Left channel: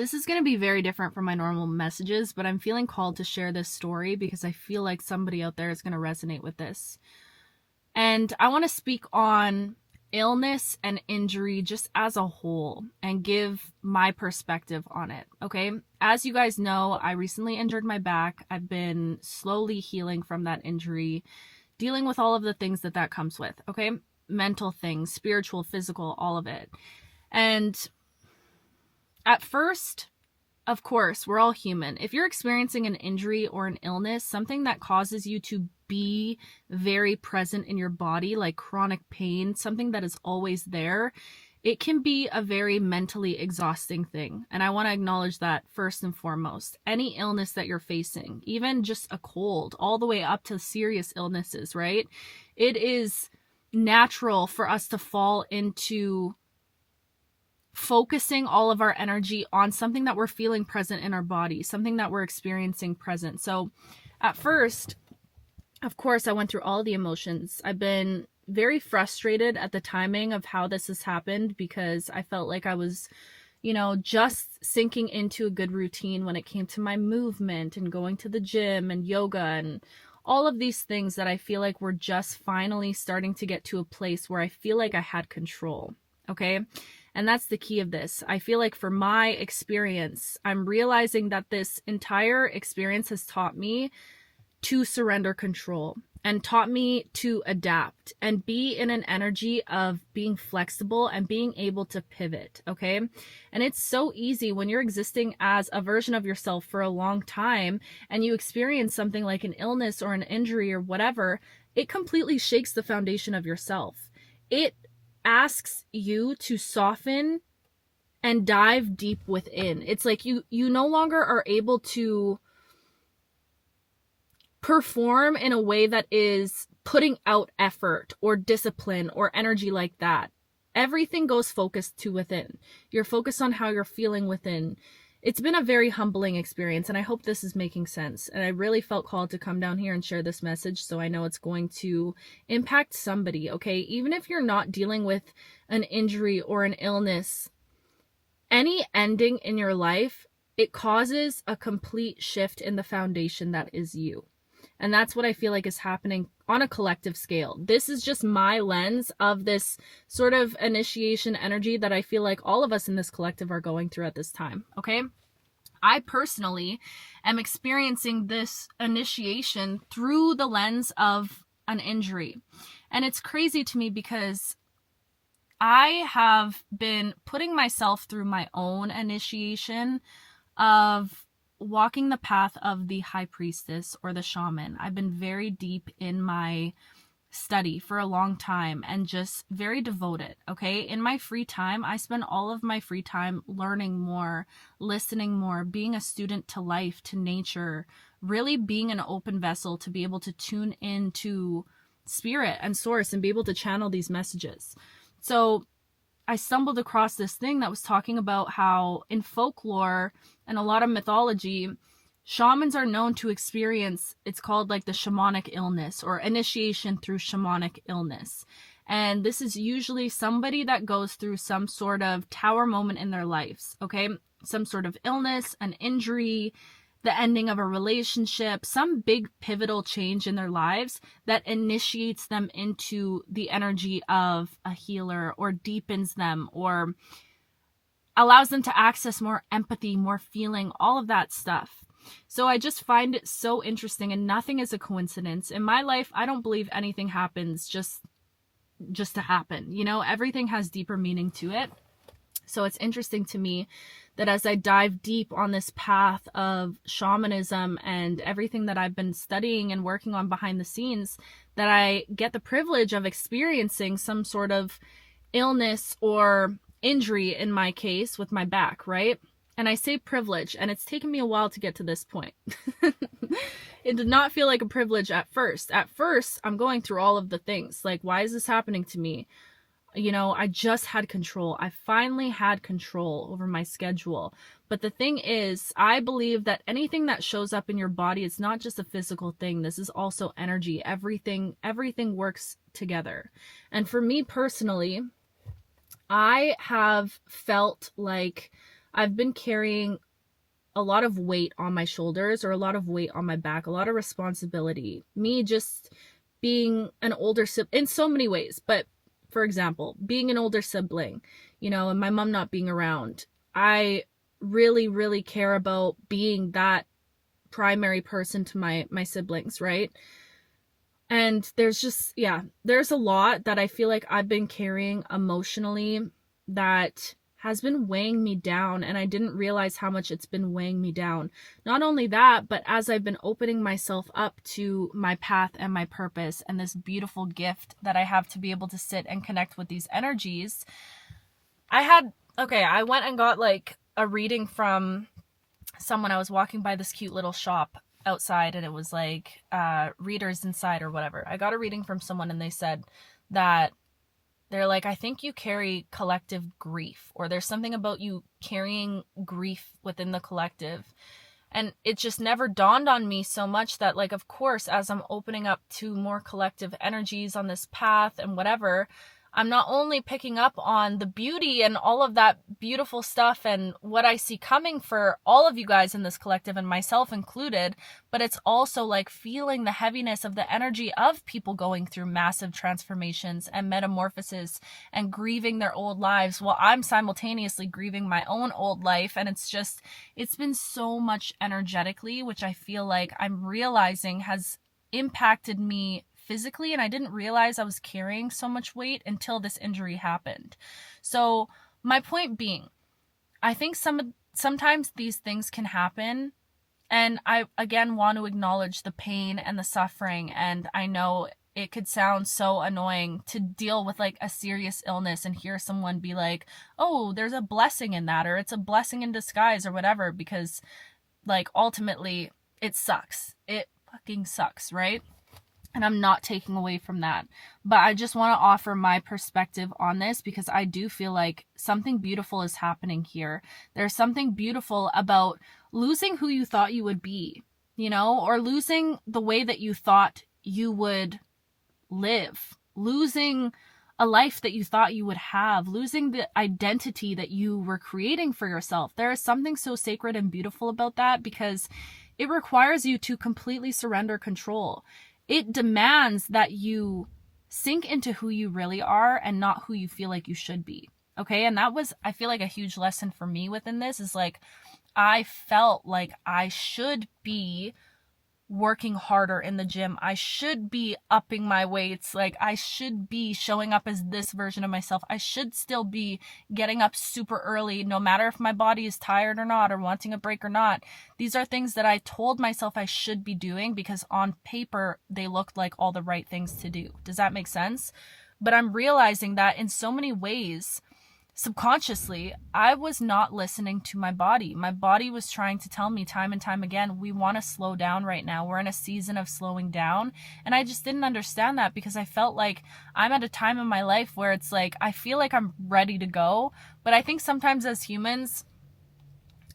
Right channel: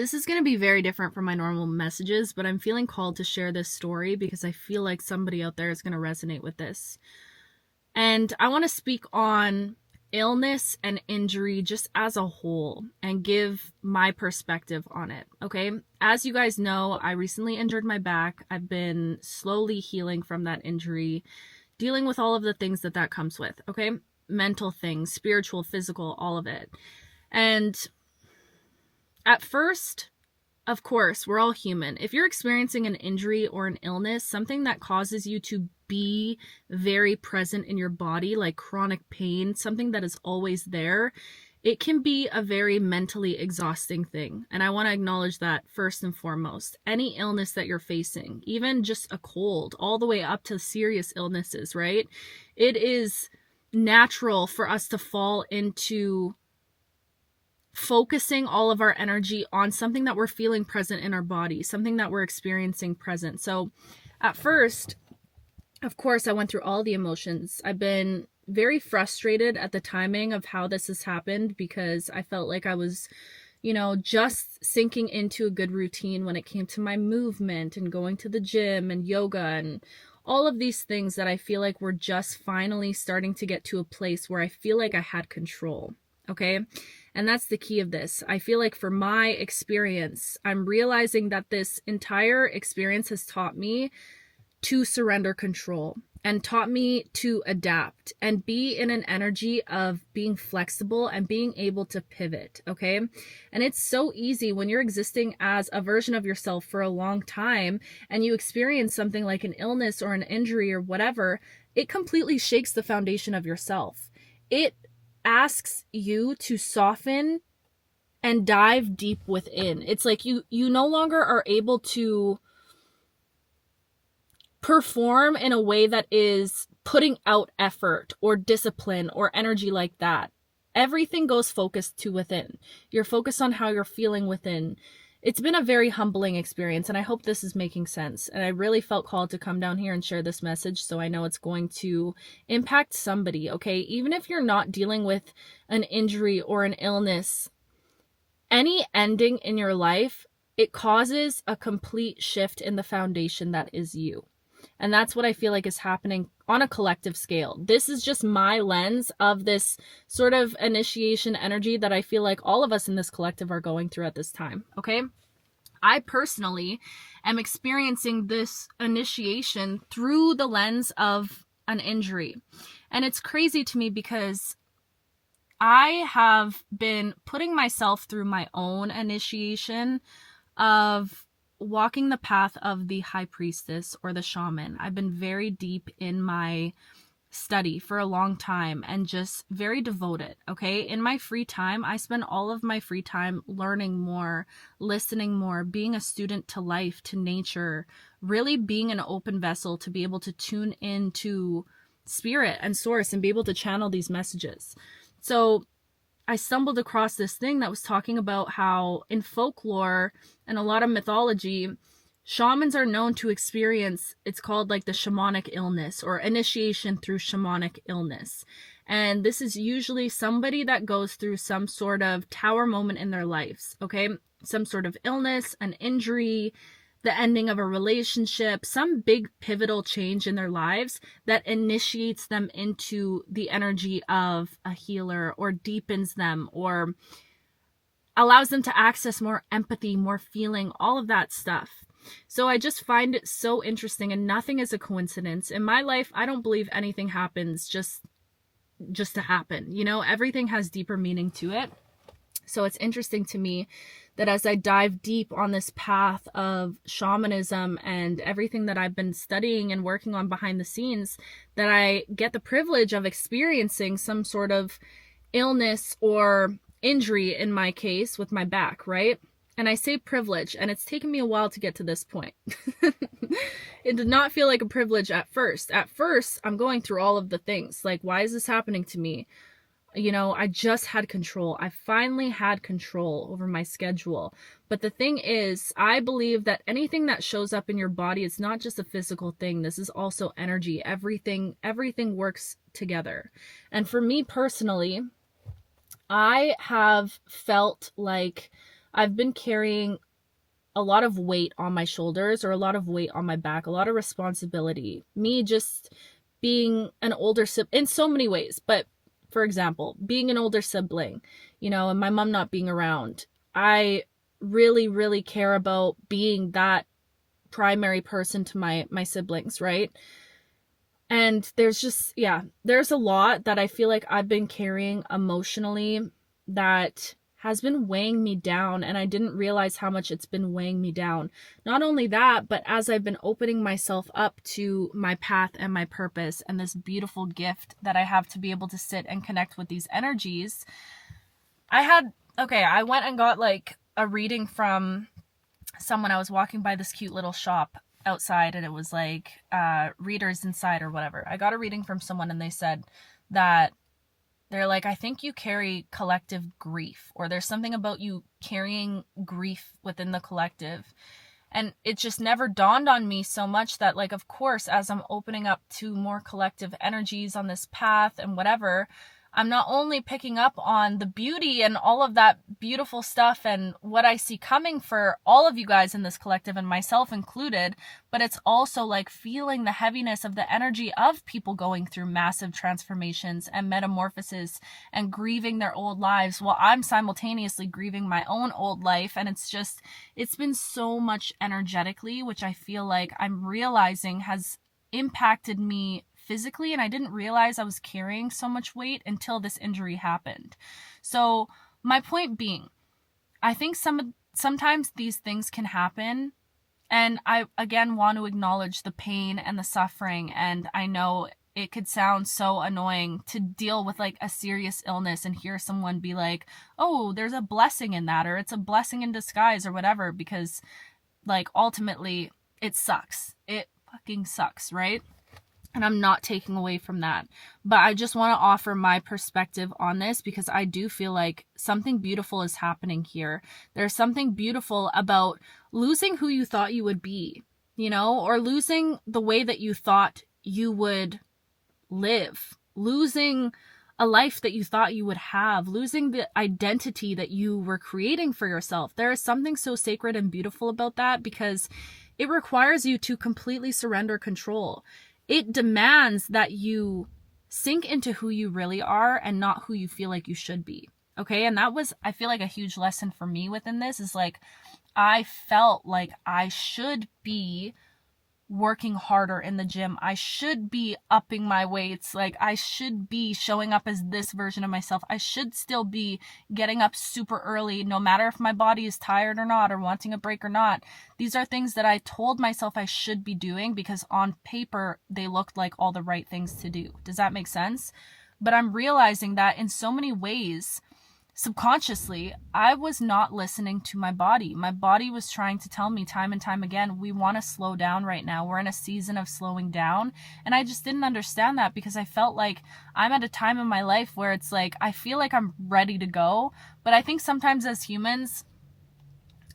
This is going to be very different from my normal messages, but I'm feeling called to share this story because I feel like somebody out there is going to resonate with this. And I want to speak on illness and injury just as a whole and give my perspective on it, okay? As you guys know, I recently injured my back. I've been slowly healing from that injury, dealing with all of the things that comes with, okay? Mental things, spiritual, physical, all of it. And at first, of course, we're all human. If you're experiencing an injury or an illness, something that causes you to be very present in your body, like chronic pain, something that is always there, it can be a very mentally exhausting thing. And I want to acknowledge that first and foremost. Any illness that you're facing, even just a cold, all the way up to serious illnesses, right? It is natural for us to fall into focusing all of our energy on something that we're feeling present in our body, something that we're experiencing present. So at first, of course, I went through all the emotions. I've been very frustrated at the timing of how this has happened because I felt like I was, just sinking into a good routine when it came to my movement and going to the gym and yoga and all of these things that I feel like were just finally starting to get to a place where I feel like I had control. Okay. And that's the key of this. I feel like for my experience, I'm realizing that this entire experience has taught me to surrender control and taught me to adapt and be in an energy of being flexible and being able to pivot. Okay. And it's so easy when you're existing as a version of yourself for a long time and you experience something like an illness or an injury or whatever, it completely shakes the foundation of yourself. It asks you to soften and dive deep within. It's like you no longer are able to perform in a way that is putting out effort or discipline or energy like that. Everything goes focused to within. You're focused on how you're feeling within. It's been a very humbling experience, and I hope this is making sense. And I really felt called to come down here and share this message so I know it's going to impact somebody, okay? Even if you're not dealing with an injury or an illness, any ending in your life, it causes a complete shift in the foundation that is you. And that's what I feel like is happening on a collective scale. This is just my lens of this sort of initiation energy that I feel like all of us in this collective are going through at this time, okay? I personally am experiencing this initiation through the lens of an injury. And it's crazy to me because I have been putting myself through my own initiation of walking the path of the high priestess or the shaman. I've been very deep in my study for a long time and just very devoted, okay? In my free time, I spend all of my free time learning more, listening more, being a student to life, to nature, really being an open vessel to be able to tune into spirit and source and be able to channel these messages. So I stumbled across this thing that was talking about how in folklore and a lot of mythology, shamans are known to experience, it's called like the shamanic illness or initiation through shamanic illness. And this is usually somebody that goes through some sort of tower moment in their lives, okay? Some sort of illness, an injury, the ending of a relationship, some big pivotal change in their lives that initiates them into the energy of a healer or deepens them or allows them to access more empathy, more feeling, all of that stuff. So I just find it so interesting, and nothing is a coincidence. In my life, I don't believe anything happens just to happen. Everything has deeper meaning to it. So it's interesting to me that as I dive deep on this path of shamanism and everything that I've been studying and working on behind the scenes, that I get the privilege of experiencing some sort of illness or injury in my case with my back, right? And I say privilege, and it's taken me a while to get to this point. It did not feel like a privilege at first. At first, I'm going through all of the things. Like, why is this happening to me? I just had control. I finally had control over my schedule. But the thing is, I believe that anything that shows up in your body, it's not just a physical thing. This is also energy. Everything works together. And for me personally, I have felt like I've been carrying a lot of weight on my shoulders, or a lot of weight on my back, a lot of responsibility. Me just being an older sibling in so many ways, but for example, being an older sibling, and my mom not being around, I really, really care about being that primary person to my siblings, right? And there's a lot that I feel like I've been carrying emotionally that has been weighing me down, and I didn't realize how much it's been weighing me down. Not only that, but as I've been opening myself up to my path and my purpose and this beautiful gift that I have to be able to sit and connect with these energies, I went and got like a reading from someone. I was walking by this cute little shop outside, and it was like readers inside or whatever. I got a reading from someone, and they said that they're like, I think you carry collective grief, or there's something about you carrying grief within the collective. And it just never dawned on me so much that, like, of course, as I'm opening up to more collective energies on this path and whatever, I'm not only picking up on the beauty and all of that beautiful stuff and what I see coming for all of you guys in this collective, and myself included, but it's also like feeling the heaviness of the energy of people going through massive transformations and metamorphoses and grieving their old lives, while I'm simultaneously grieving my own old life. And it's been so much energetically, which I feel like I'm realizing has impacted me physically, and I didn't realize I was carrying so much weight until this injury happened. So my point being, I think sometimes these things can happen, and I again want to acknowledge the pain and the suffering, and I know it could sound so annoying to deal with like a serious illness and hear someone be like, oh, there's a blessing in that, or it's a blessing in disguise, or whatever, because like ultimately it sucks. It fucking sucks, right? And I'm not taking away from that. But I just want to offer my perspective on this, because I do feel like something beautiful is happening here. There's something beautiful about losing who you thought you would be, or losing the way that you thought you would live, losing a life that you thought you would have, losing the identity that you were creating for yourself. There is something so sacred and beautiful about that, because it requires you to completely surrender control. It demands that you sink into who you really are and not who you feel like you should be. Okay. And that was, I feel like, a huge lesson for me within this, is like, I felt like I should be working harder in the gym. I should be upping my weights. Like, I should be showing up as this version of myself. I should still be getting up super early, no matter if my body is tired or not, or wanting a break or not. These are things that I told myself I should be doing, because on paper they looked like all the right things to do. Does that make sense? But I'm realizing that in so many ways, subconsciously, I was not listening to my body. My body was trying to tell me time and time again, we want to slow down right now. We're in a season of slowing down. And I just didn't understand that, because I felt like I'm at a time in my life where it's like, I feel like I'm ready to go. But I think sometimes as humans,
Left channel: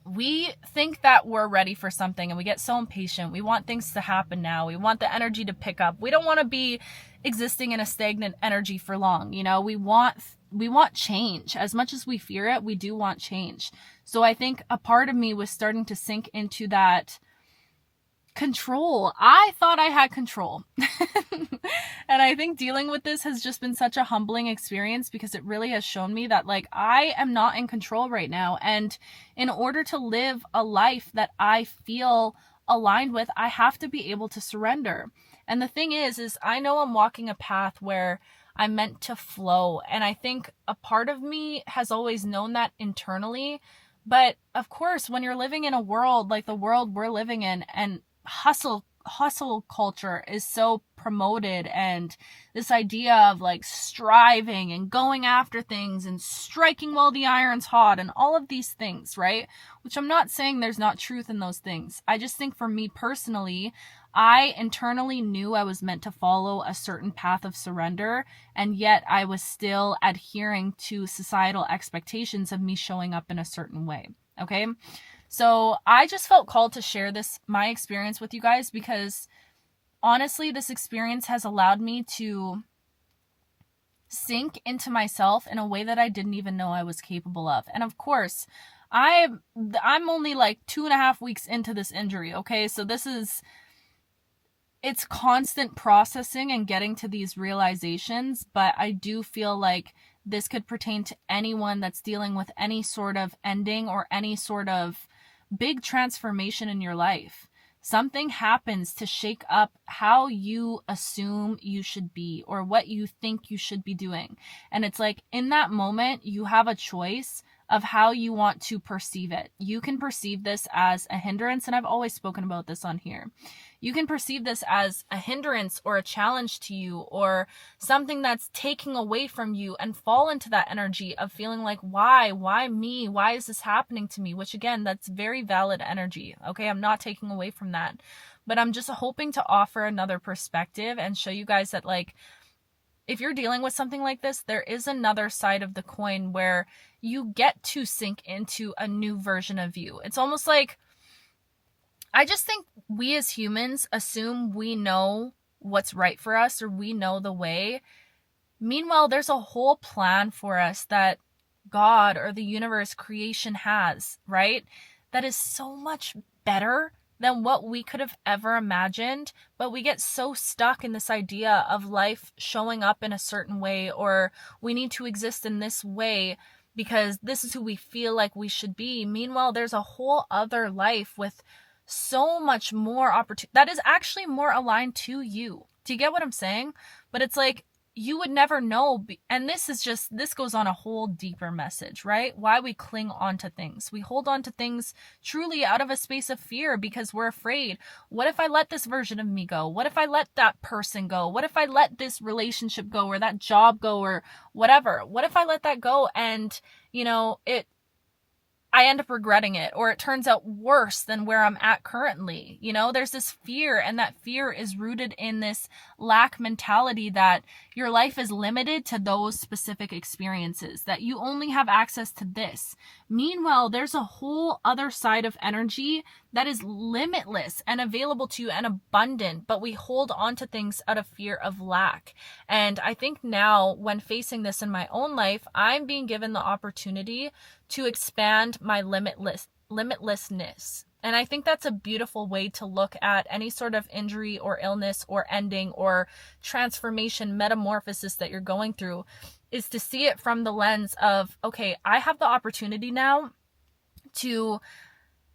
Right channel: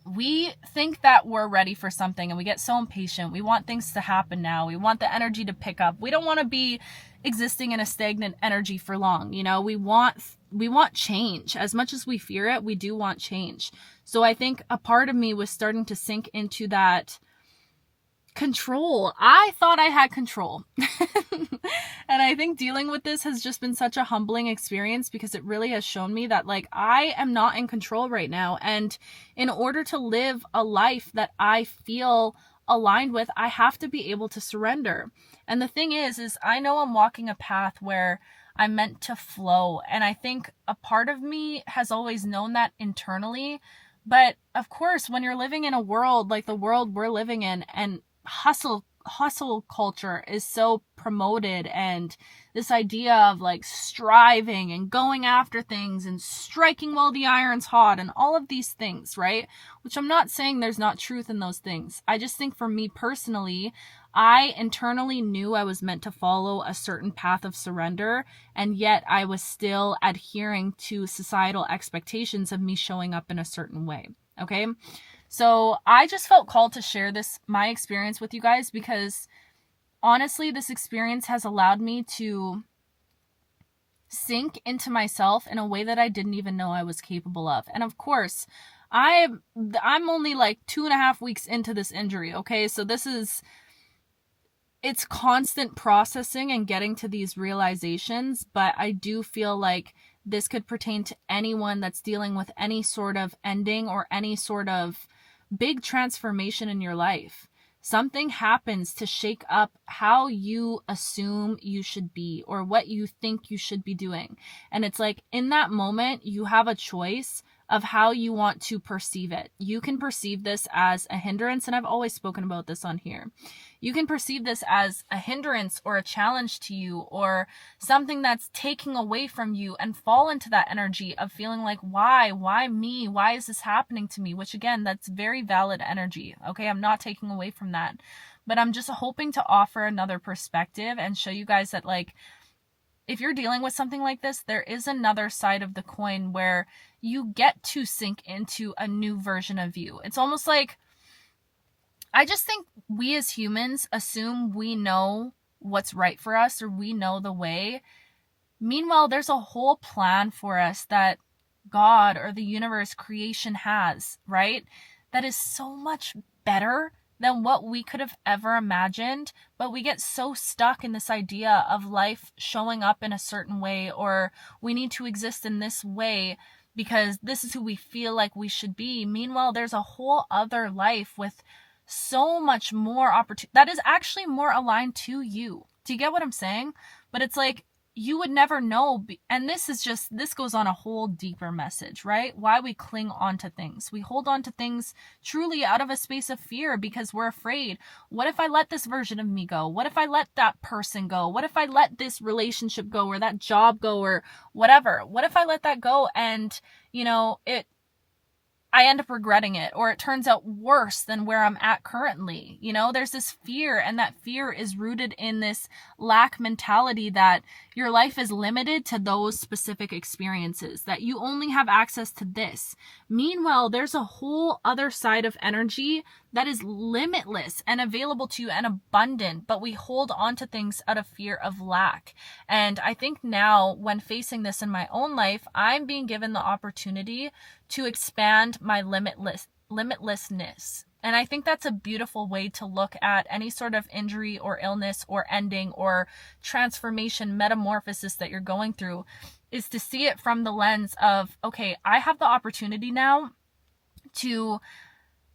we think that we're ready for something, and we get so impatient. We want things to happen now. We want the energy to pick up. We don't want to be existing in a stagnant energy for long. We want change. As much as we fear it, we do want change. So I think a part of me was starting to sink into that control. I thought I had control. And I think dealing with this has just been such a humbling experience, because it really has shown me that, like, I am not in control right now. And in order to live a life that I feel aligned with, I have to be able to surrender. And the thing is I know I'm walking a path where I'm meant to flow. And I think a part of me has always known that internally. But of course, when you're living in a world like the world we're living in, and hustle culture is so promoted, and this idea of like striving and going after things and striking while the iron's hot and all of these things, right? Which I'm not saying there's not truth in those things. I just think for me personally, I internally knew I was meant to follow a certain path of surrender, and yet I was still adhering to societal expectations of me showing up in a certain way. Okay. So I just felt called to share my experience with you guys, because honestly, this experience has allowed me to sink into myself in a way that I didn't even know I was capable of. And of course, I'm only like 2.5 weeks into this injury, okay? So it's constant processing and getting to these realizations, but I do feel like this could pertain to anyone that's dealing with any sort of ending or any sort of big transformation in your life. Something happens to shake up how you assume you should be or what you think you should be doing. And it's like in that moment, you have a choice of how you want to perceive it. You can perceive this as a hindrance, and I've always spoken about this on here. You can perceive this as a hindrance or a challenge to you or something that's taking away from you and fall into that energy of feeling like, why me? Why is this happening to me? Which again, that's very valid energy. Okay, I'm not taking away from that, but I'm just hoping to offer another perspective and show you guys that like, if you're dealing with something like this, there is another side of the coin where you get to sink into a new version of you. It's almost like, I just think we as humans assume we know what's right for us or we know the way. Meanwhile, there's a whole plan for us that God or the universe, creation has, right? That is so much better than what we could have ever imagined, but we get so stuck in this idea of life showing up in a certain way, or we need to exist in this way because this is who we feel like we should be. Meanwhile, there's a whole other life with so much more opportunity that is actually more aligned to you. Do you get what I'm saying? But it's like, you would never know. And this goes on a whole deeper message, right? Why we cling on to things. We hold on to things truly out of a space of fear because we're afraid. What if I let this version of me go? What if I let that person go? What if I let this relationship go or that job go or whatever? What if I let that go and, I end up regretting it, or it turns out worse than where I'm at currently. There's this fear, and that fear is rooted in this lack mentality that your life is limited to those specific experiences, that you only have access to this. Meanwhile, there's a whole other side of energy that is limitless and available to you and abundant, but we hold on to things out of fear of lack. And I think now, when facing this in my own life, I'm being given the opportunity to expand my limitlessness. And I think that's a beautiful way to look at any sort of injury or illness or ending or transformation, metamorphosis that you're going through, is to see it from the lens of, okay, I have the opportunity now to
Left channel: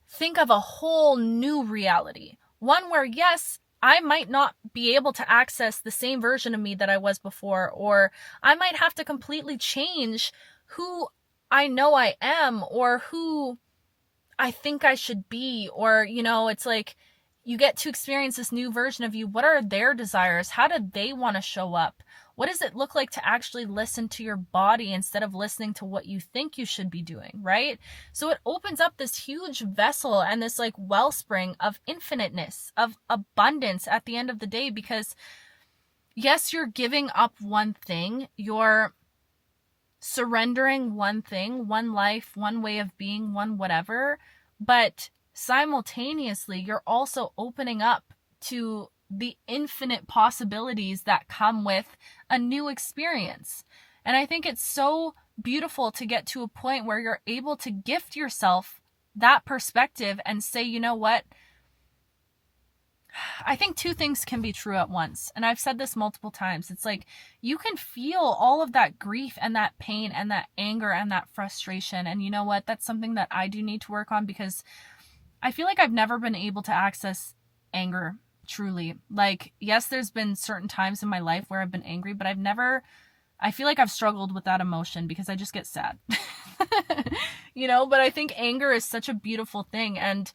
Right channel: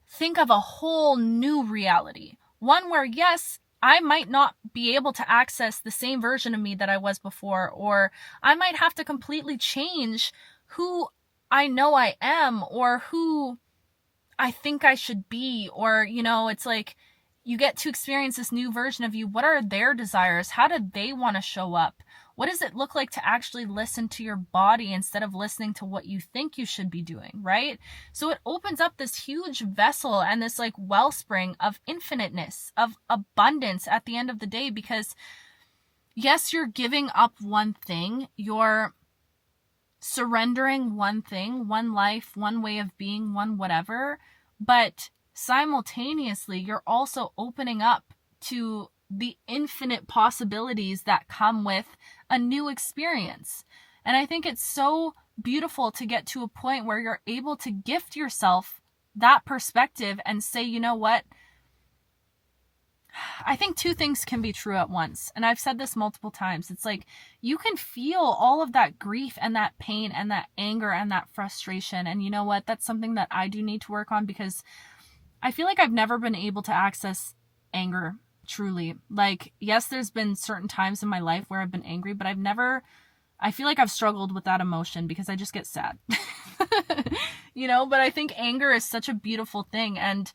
think of a whole new reality. One where, yes, I might not be able to access the same version of me that I was before, or I might have to completely change who I know I am or who I think I should be, or, it's like you get to experience this new version of you. What are their desires? How do they want to show up? What does it look like to actually listen to your body instead of listening to what you think you should be doing, right? So it opens up this huge vessel and this like wellspring of infiniteness, of abundance at the end of the day, because yes, you're giving up one thing, you're surrendering one thing, one life, one way of being, one whatever, but simultaneously you're also opening up to the infinite possibilities that come with a new experience. And I think it's so beautiful to get to a point where you're able to gift yourself that perspective and say, you know what? I think two things can be true at once. And I've said this multiple times. It's like you can feel all of that grief and that pain and that anger and that frustration. And you know what? That's something that I do need to work on, because I feel like I've never been able to access anger truly. Like, yes, there's been certain times in my life where I've been angry, but I feel like I've struggled with that emotion because I just get sad. But I think anger is such a beautiful thing. And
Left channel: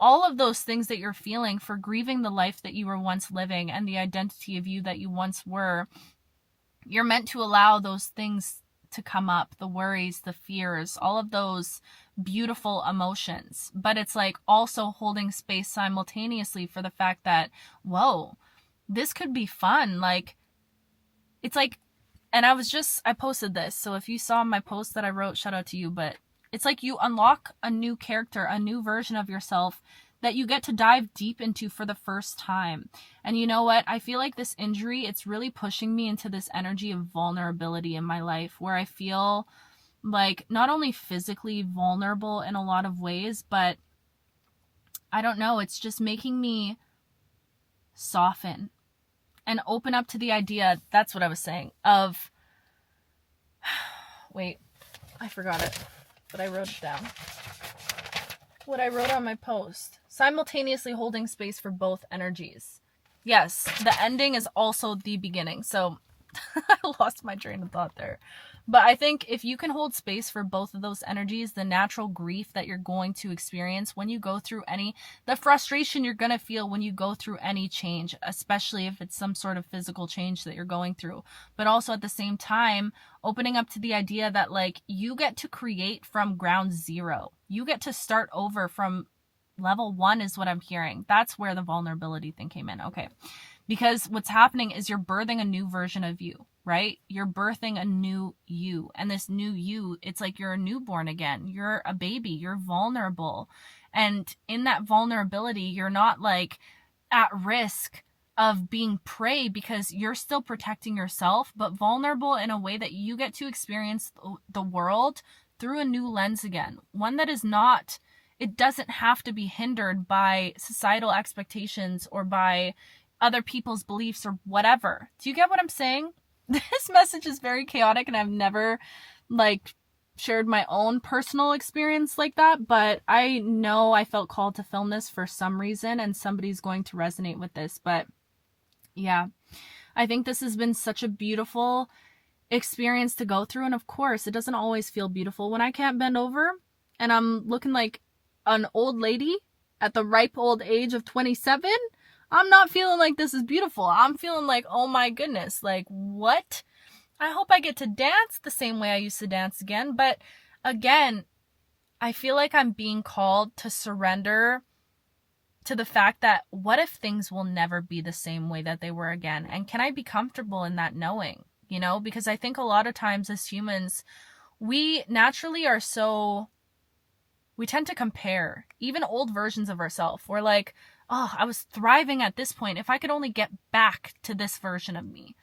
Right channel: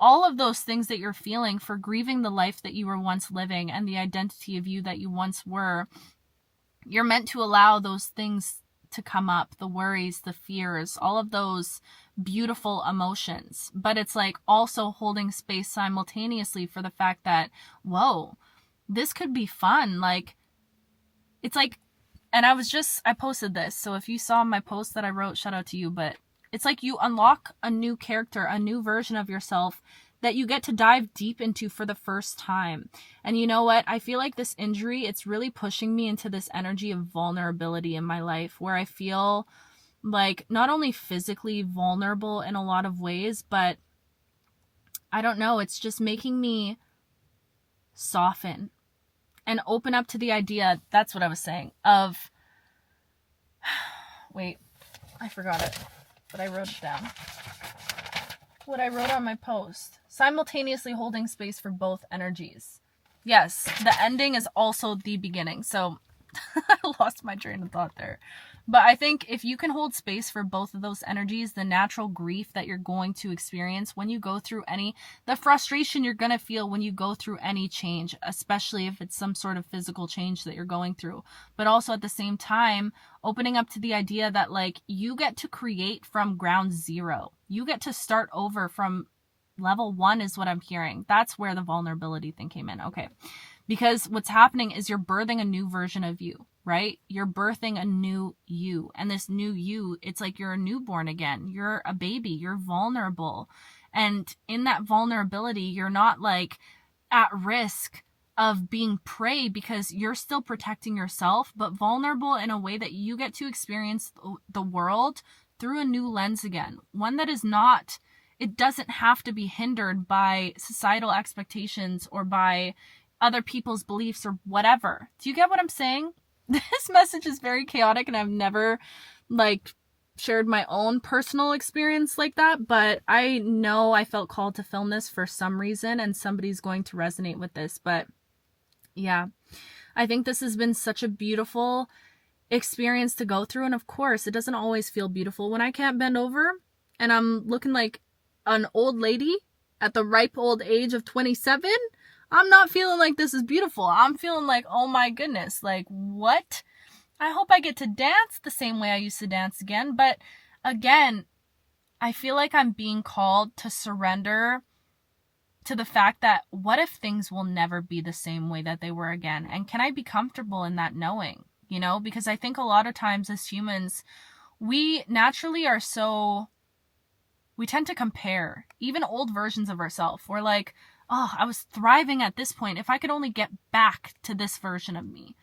all of those things that you're feeling for grieving the life that you were once living and the identity of you that you once were, you're meant to allow those things to come up, the worries, the fears, all of those beautiful emotions. But it's like also holding space simultaneously for the fact that, whoa, this could be fun. Like, it's like, and I posted this. So if you saw my post that I wrote, shout out to you, but it's like you unlock a new character, a new version of yourself that you get to dive deep into for the first time. And you know what? I feel like this injury, it's really pushing me into this energy of vulnerability in my life where I feel like not only physically vulnerable in a lot of ways, but I don't know, it's just making me soften and open up to the idea, that's what I was saying, of, wait, I forgot it, but I wrote it down. What I wrote on my post, simultaneously holding space for both energies. Yes, the ending is also the beginning. So I lost my train of thought there. But I think if you can hold space for both of those energies, the natural grief that you're going to experience when you go through the frustration you're going to feel when you go through any change, especially if it's some sort of physical change that you're going through. But also at the same time, opening up to the idea that like you get to create from ground zero. You get to start over from level 1 is what I'm hearing. That's where the vulnerability thing came in. Okay. Because what's happening is you're birthing a new version of you, right? You're birthing a new you. And this new you, it's like you're a newborn again. You're a baby. You're vulnerable. And in that vulnerability, you're not like at risk of being prey because you're still protecting yourself, but vulnerable in a way that you get to experience the world through a new lens again. One that is not, it doesn't have to be hindered by societal expectations or by other people's beliefs or whatever. Do you get what I'm saying? This message is very chaotic and I've never like shared my own personal experience like that, but I know I felt called to film this for some reason and somebody's going to resonate with this. But yeah, I think this has been such a beautiful experience to go through. And of course, it doesn't always feel beautiful when I can't bend over and I'm looking like an old lady at the ripe old age of 27. I'm not feeling like this is beautiful. I'm feeling like, oh my goodness, like what? I hope I get to dance the same way I used to dance again. But again, I feel like I'm being called to surrender to the fact that what if things will never be the same way that they were again? And can I be comfortable in that knowing, you know? Because I think a lot of times as humans, we naturally are we tend to compare even old versions of ourselves. We're like, oh, I was thriving at this point. If I could only get back to this version of me,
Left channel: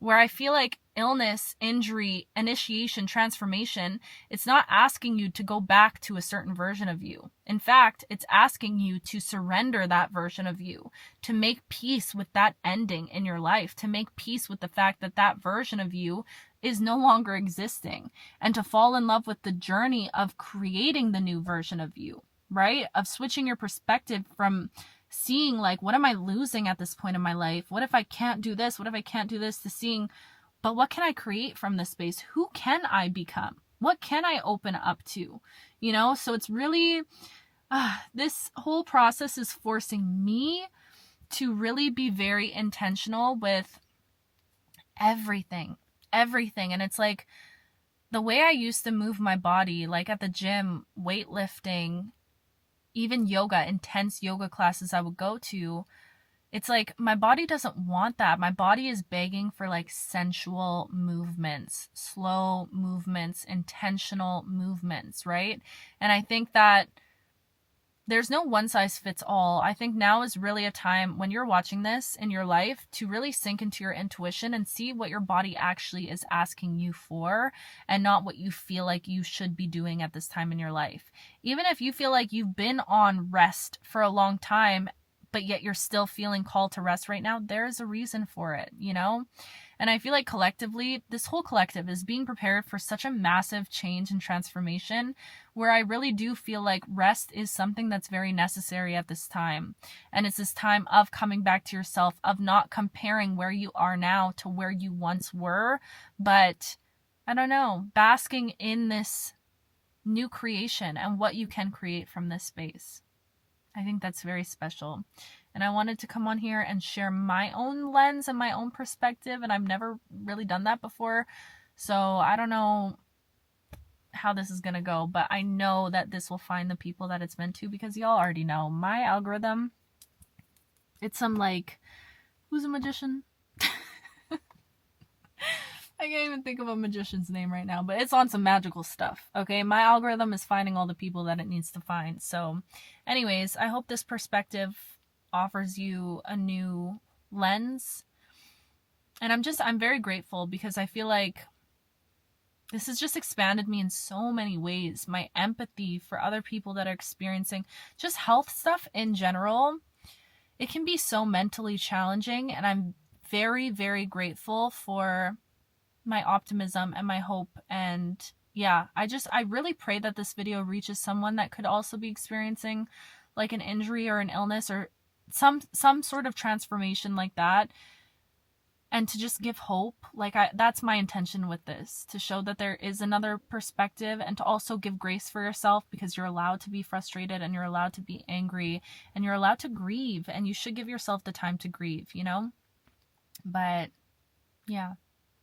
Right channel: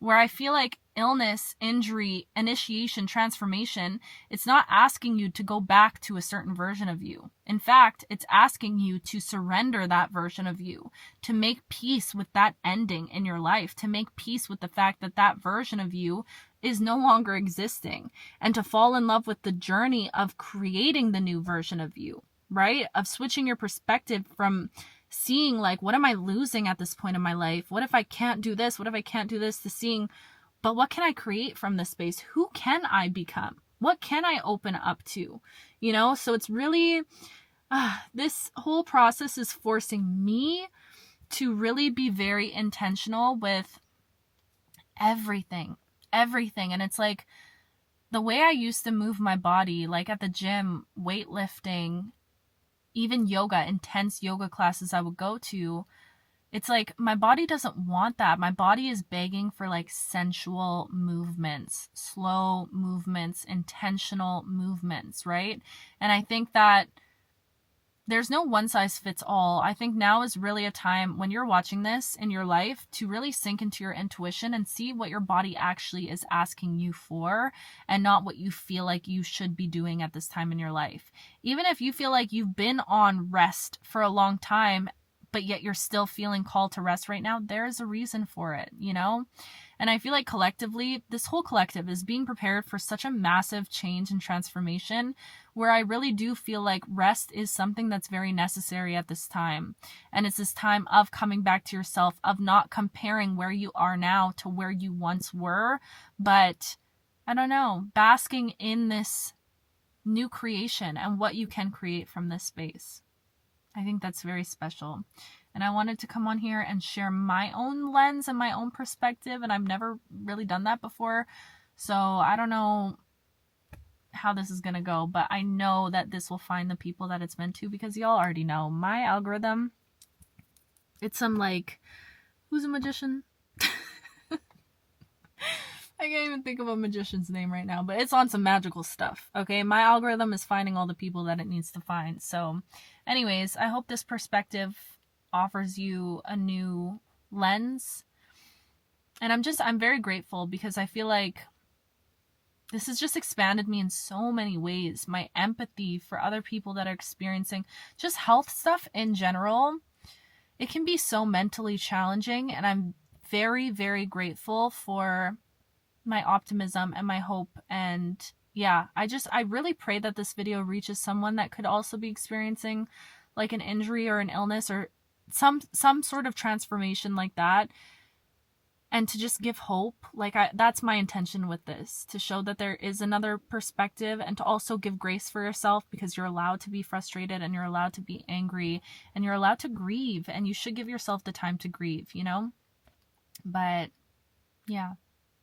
where I feel like illness, injury, initiation, transformation, it's not asking you to go back to a certain version of you. In fact, it's asking you to surrender that version of you, to make peace with that ending in your life, to make peace with the fact that that version of you is no longer existing, and to fall in love with the journey of creating the new version of you, right? Of switching your perspective from seeing like, what am I losing at this point in my life? What if I can't do this? What if I can't do this? To seeing, but what can I create from this space? Who can I become? What can I open up to? You know, so it's really, this whole process is forcing me to really be very intentional with everything. And it's like the way I used to move my body, like at the gym, weightlifting, even yoga, intense yoga classes I would go to, it's like my body doesn't want that. My body is begging for like sensual movements, slow movements, intentional movements, right? And I think that there's no one size fits all. I think now is really a time when you're watching this in your life to really sink into your intuition and see what your body actually is asking you for and not what you feel like you should be doing at this time in your life. Even if you feel like you've been on rest for a long time, but yet you're still feeling called to rest right now, there is a reason for it, you know? And I feel like collectively, this whole collective is being prepared for such a massive change and transformation where I really do feel like rest is something that's very necessary at this time. And it's this time of coming back to yourself, of not comparing where you are now to where you once were, but I don't know, basking in this new creation and what you can create from this space. I think that's very special. And I wanted to come on here and share my own lens and my own perspective. And I've never really done that before. So I don't know how this is going to go. But I know that this will find the people that it's meant to. Because y'all already know my algorithm. It's some like, who's a magician? I can't even think of a magician's name right now. But it's on some magical stuff. Okay, my algorithm is finding all the people that it needs to find. So anyways, I hope this perspective offers you a new lens. And I'm very grateful because I feel like This has just expanded me in so many ways. My empathy for other people that are experiencing just health stuff in general. It can be so mentally challenging, and I'm very, very grateful for my optimism and my hope. And yeah, I really pray that this video reaches someone that could also be experiencing like an injury or an illness or some sort of transformation like that, and to just give hope. Like that's my intention with this, to show that there is another perspective, and to also give grace for yourself, because you're allowed to be frustrated and you're allowed to be angry and you're allowed to grieve, and you should give yourself the time to grieve, you know? But yeah,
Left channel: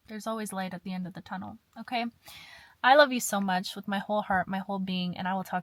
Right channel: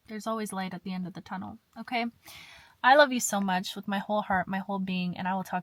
there's always light at the end of the tunnel. Okay, I love you so much with my whole heart, my whole being, and I will talk